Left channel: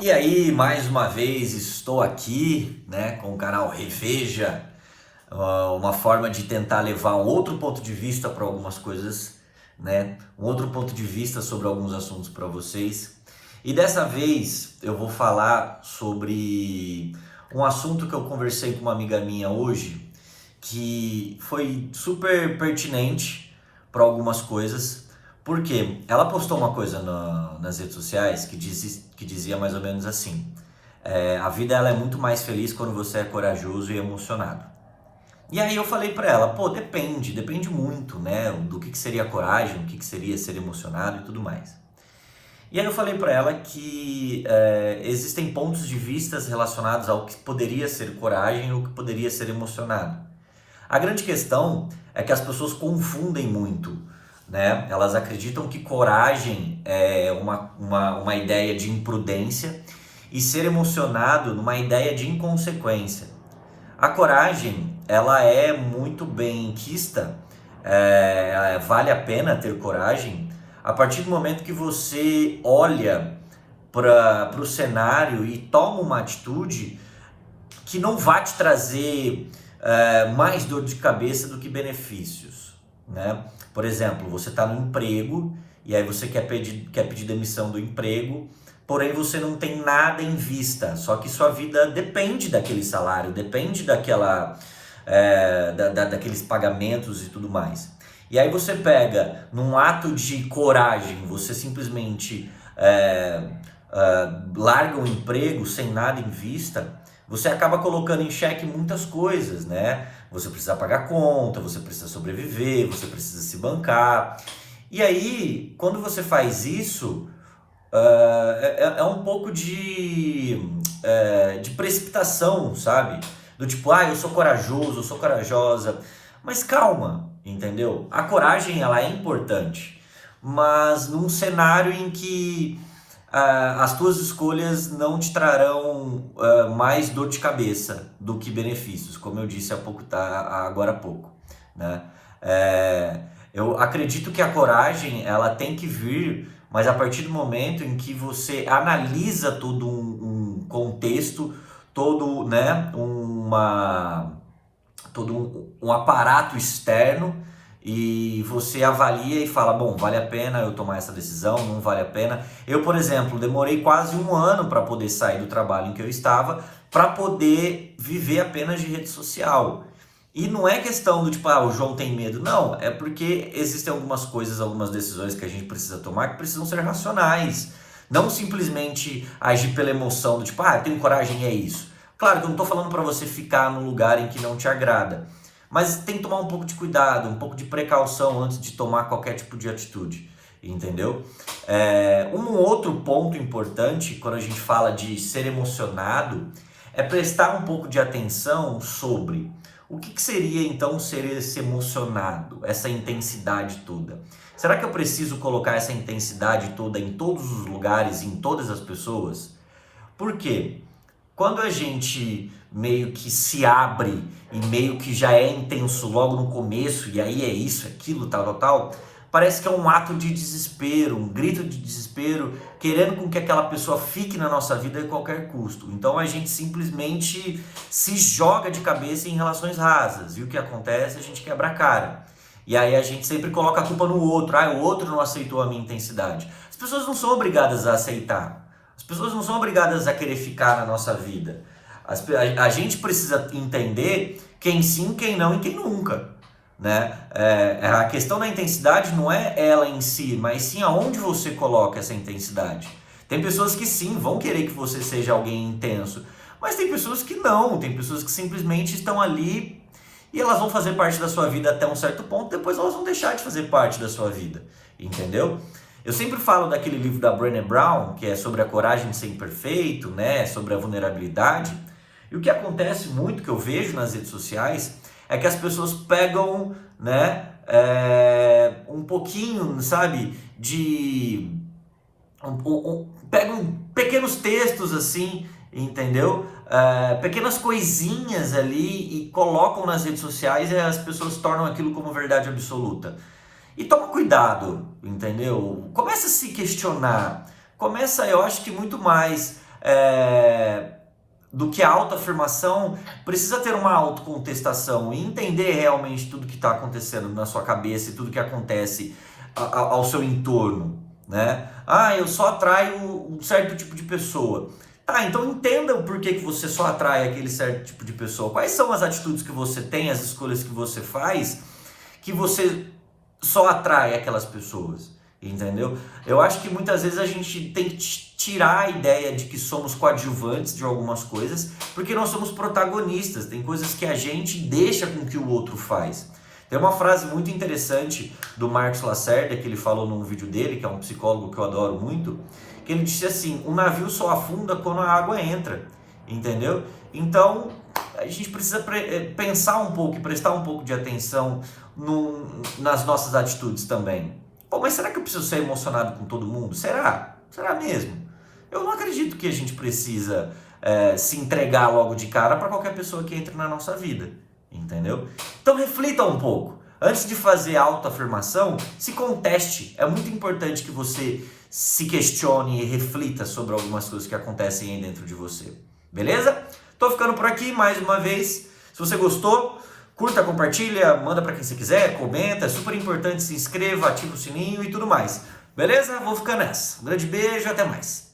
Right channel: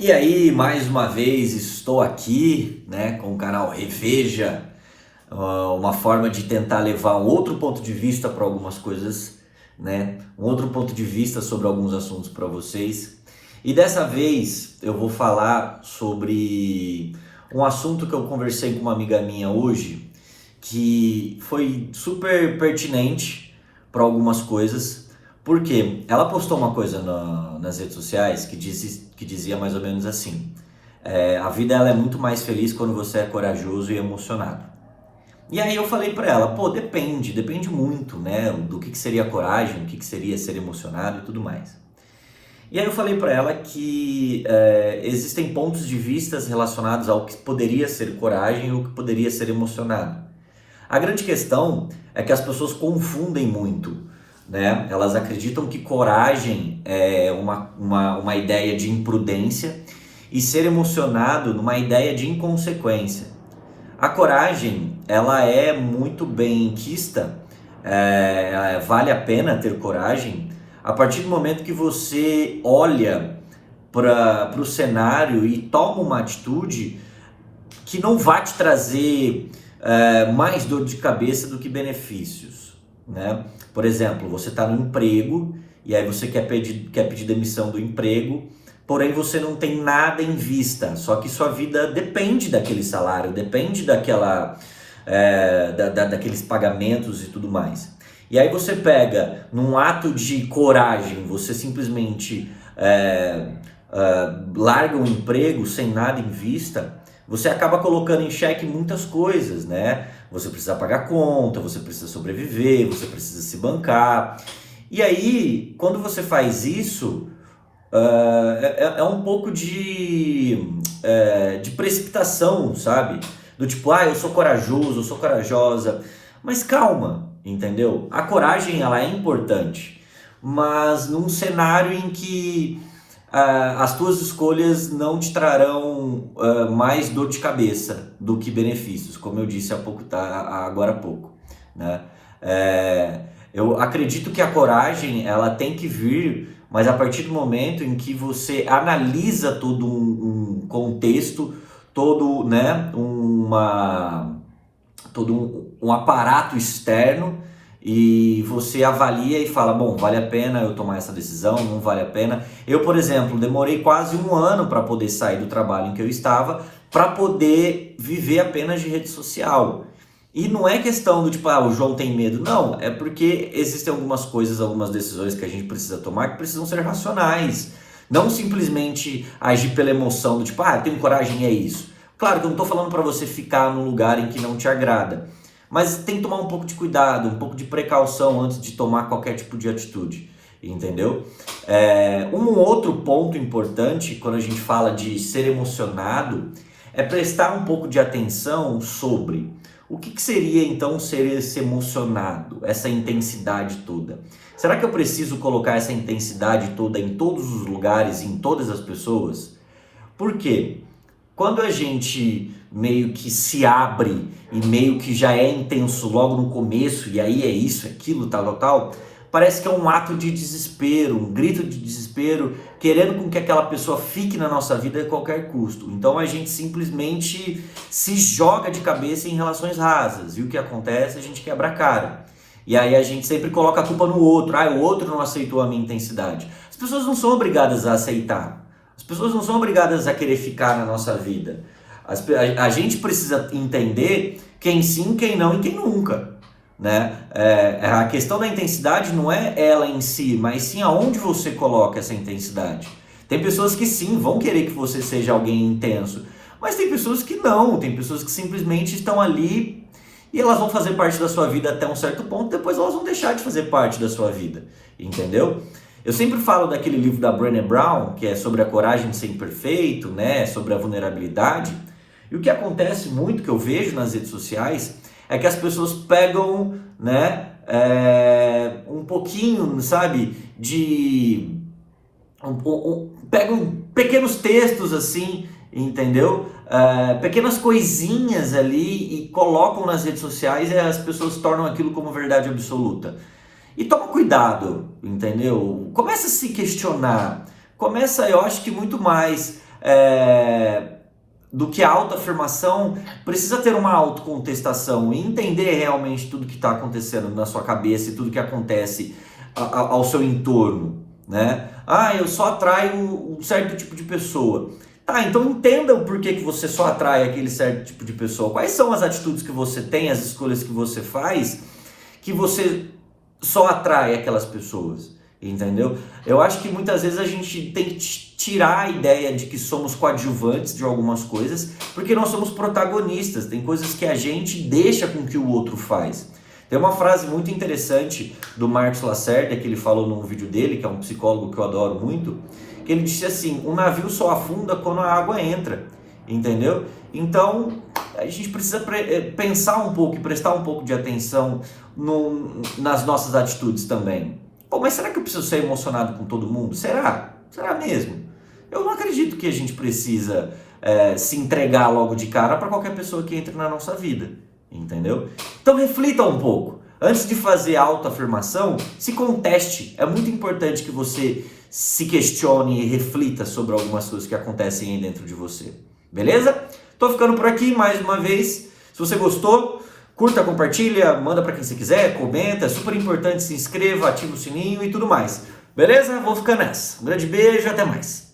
E aí, mais uma vez estou aqui, né, com o canal Reveja, uma forma de tentar levar um outro ponto de vista para algumas coisas, né, um outro ponto de vista sobre alguns assuntos para vocês. E dessa vez eu vou falar sobre um assunto que eu conversei com uma amiga minha hoje, que foi super pertinente para algumas coisas, porque ela postou uma coisa nas redes sociais que dizia mais ou menos assim: a vida ela é muito mais feliz quando você é corajoso e emocionado. E aí eu falei para ela, pô, depende muito, né, do que seria coragem, o que seria ser emocionado e tudo mais. E aí eu falei para ela que existem pontos de vistas relacionados ao que poderia ser coragem ou o que poderia ser emocionado. A grande questão é que as pessoas confundem muito, né? Elas acreditam que coragem é uma ideia de imprudência e ser emocionado numa ideia de inconsequência. A coragem, ela é muito bem quista, vale a pena ter coragem a partir do momento que você olha para o cenário e toma uma atitude que não vai te trazer mais dor de cabeça do que benefícios, né? Por exemplo, você está no emprego e aí você quer pedir demissão do emprego, porém você não tem nada em vista, só que sua vida depende daquele salário, depende daqueles pagamentos e tudo mais. E aí você pega, num ato de coragem, você simplesmente larga um emprego sem nada em vista, você acaba colocando em xeque muitas coisas, né? Você precisa pagar conta, você precisa sobreviver, você precisa se bancar. E aí, quando você faz isso, é um pouco de precipitação, sabe? Do tipo, eu sou corajoso, eu sou corajosa. Mas calma, entendeu? A coragem, ela é importante, mas num cenário em que as tuas escolhas não te trarão mais dor de cabeça do que benefícios, como eu disse agora há pouco, né? Eu acredito que a coragem, ela tem que vir, mas a partir do momento em que você analisa todo um contexto, todo, né, todo um aparato externo, e você avalia e fala, bom, vale a pena eu tomar essa decisão, não vale a pena. Eu, por exemplo, demorei quase um ano para poder sair do trabalho em que eu estava, para poder viver apenas de rede social. E não é questão do tipo, o João tem medo. Não, é porque existem algumas coisas, algumas decisões que a gente precisa tomar que precisam ser racionais. Não simplesmente agir pela emoção do tipo, tenho coragem, é isso. Claro que eu não estou falando para você ficar num lugar em que não te agrada, mas tem que tomar um pouco de cuidado, um pouco de precaução antes de tomar qualquer tipo de atitude, entendeu? Um outro ponto importante quando a gente fala de ser emocionado é prestar um pouco de atenção sobre o que seria então ser esse emocionado, essa intensidade toda. Será que eu preciso colocar essa intensidade toda em todos os lugares, em todas as pessoas? Por quê? Quando a gente meio que se abre e meio que já é intenso logo no começo, e aí é isso, aquilo, tal, parece que é um ato de desespero, um grito de desespero, querendo com que aquela pessoa fique na nossa vida a qualquer custo. Então a gente simplesmente se joga de cabeça em relações rasas, e o que acontece? A gente quebra a cara. E aí a gente sempre coloca a culpa no outro, o outro não aceitou a minha intensidade. As pessoas não são obrigadas a aceitar. As pessoas não são obrigadas a querer ficar na nossa vida. A gente precisa entender quem sim, quem não e quem nunca, né? A questão da intensidade não é ela em si, mas sim aonde você coloca essa intensidade. Tem pessoas que sim, vão querer que você seja alguém intenso, mas tem pessoas que não, tem pessoas que simplesmente estão ali e elas vão fazer parte da sua vida até um certo ponto, depois elas vão deixar de fazer parte da sua vida, entendeu? Eu sempre falo daquele livro da Brené Brown, que é sobre a coragem de ser imperfeito, né, sobre a vulnerabilidade. E o que acontece muito, que eu vejo nas redes sociais, é que as pessoas pegam, né, um pouquinho, sabe, pegam pequenos textos assim, entendeu? Pequenas coisinhas ali e colocam nas redes sociais e as pessoas tornam aquilo como verdade absoluta. E toma cuidado, entendeu? Começa a se questionar. Começa, eu acho que muito mais do que a autoafirmação, precisa ter uma autocontestação e entender realmente tudo que está acontecendo na sua cabeça e tudo que acontece ao seu entorno, né? Ah, eu só atraio um certo tipo de pessoa. Tá, então entenda o porquê que você só atrai aquele certo tipo de pessoa. Quais são as atitudes que você tem, as escolhas que você faz, que você só atrai aquelas pessoas, entendeu? Eu acho que muitas vezes a gente tem que tirar a ideia de que somos coadjuvantes de algumas coisas, porque nós somos protagonistas. Tem coisas que a gente deixa com que o outro faz. Tem uma frase muito interessante do Marcos Lacerda, que ele falou num vídeo dele, que é um psicólogo que eu adoro muito, que ele disse assim: um navio só afunda quando a água entra, entendeu? Então, a gente precisa pensar um pouco e prestar um pouco de atenção nas nossas atitudes também. Pô, mas será que eu preciso ser emocionado com todo mundo? Será? Será mesmo? Eu não acredito que a gente precisa se entregar logo de cara para qualquer pessoa que entre na nossa vida, entendeu? Então reflita um pouco. Antes de fazer a autoafirmação, se conteste. É muito importante que você se questione e reflita sobre algumas coisas que acontecem aí dentro de você. Beleza? Tô ficando por aqui mais uma vez. Se você gostou, curta, compartilha, manda para quem você quiser, comenta. É super importante, se inscreva, ativa o sininho e tudo mais. Beleza? Vou ficando nessa. Um grande beijo, até mais.